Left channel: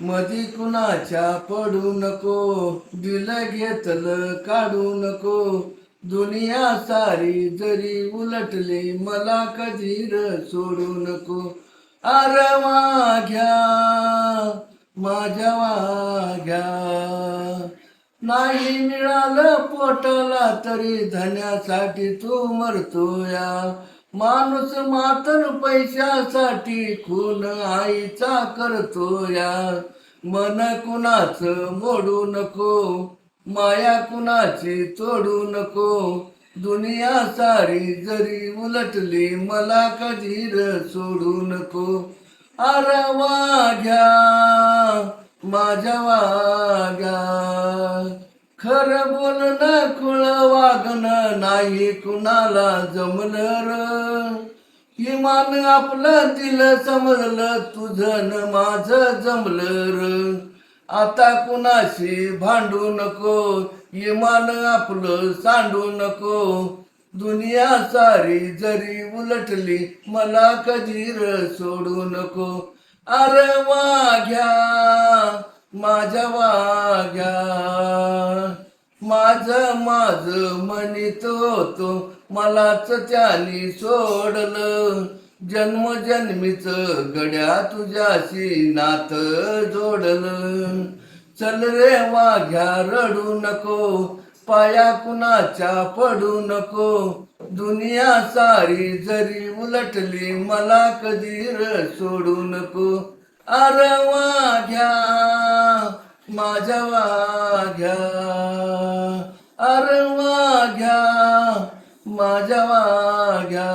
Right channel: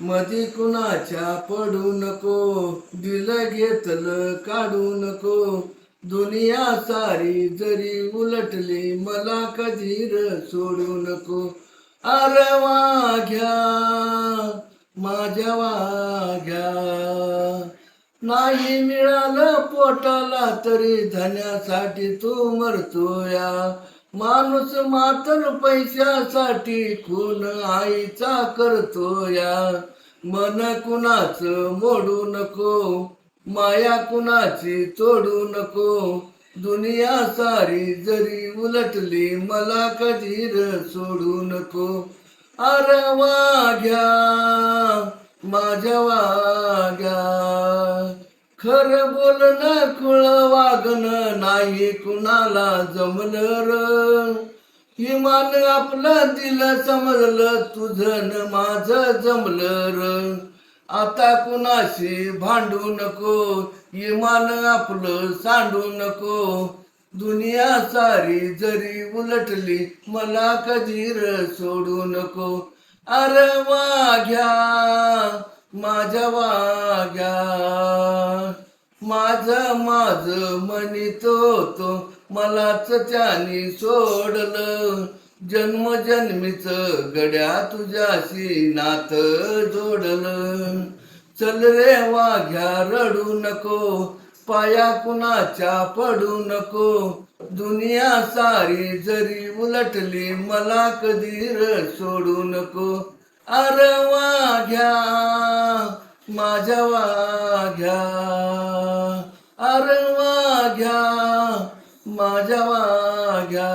मधी कुणाच्या पडू नको. दिल घेतलं काढू नको. दुनिया सारी जरी उलटली मला कधी सोडू नको. अर वाघ्या माझ्या वाघ्या. नाही मिळालं पोटाला तरी धन्यासाठी तू मरतोया. माणूस मातर पैशासाठी खून आईचा करतो या. मन कुणाच मोडू नको माया कुणाची तोडू नको. दुनिया सारी जरी उलटली मला कधी सोडू नको. अर वाघ्या माझ्या खरं बोलणं खुळ वागणं नाही कुणाला जमलं र इमान आपलं दिलं समजलं तुझं न माझं जमलं. र आता कुणाशी भांडू नको इमान आपलं सांडू नको. दुनिया सारी जरी उलटली मला कधी र सोडू नको. अरे वाघ्या माझ्या वाघ्या. माझ माझ म्हणित होतो मलाच त्याने सोडलं. जन्मजन्मीच गड्या तुझ्याशी नात जोडलं. चल रे वाघ्या रडू नको पाया कुणाच्या पडू नको. दुनिया सारी जरी उलटली मला कधी र सोडू नको. अर वाघ्या माझ्या वाघ्या. माझ्या माझ्या माग्या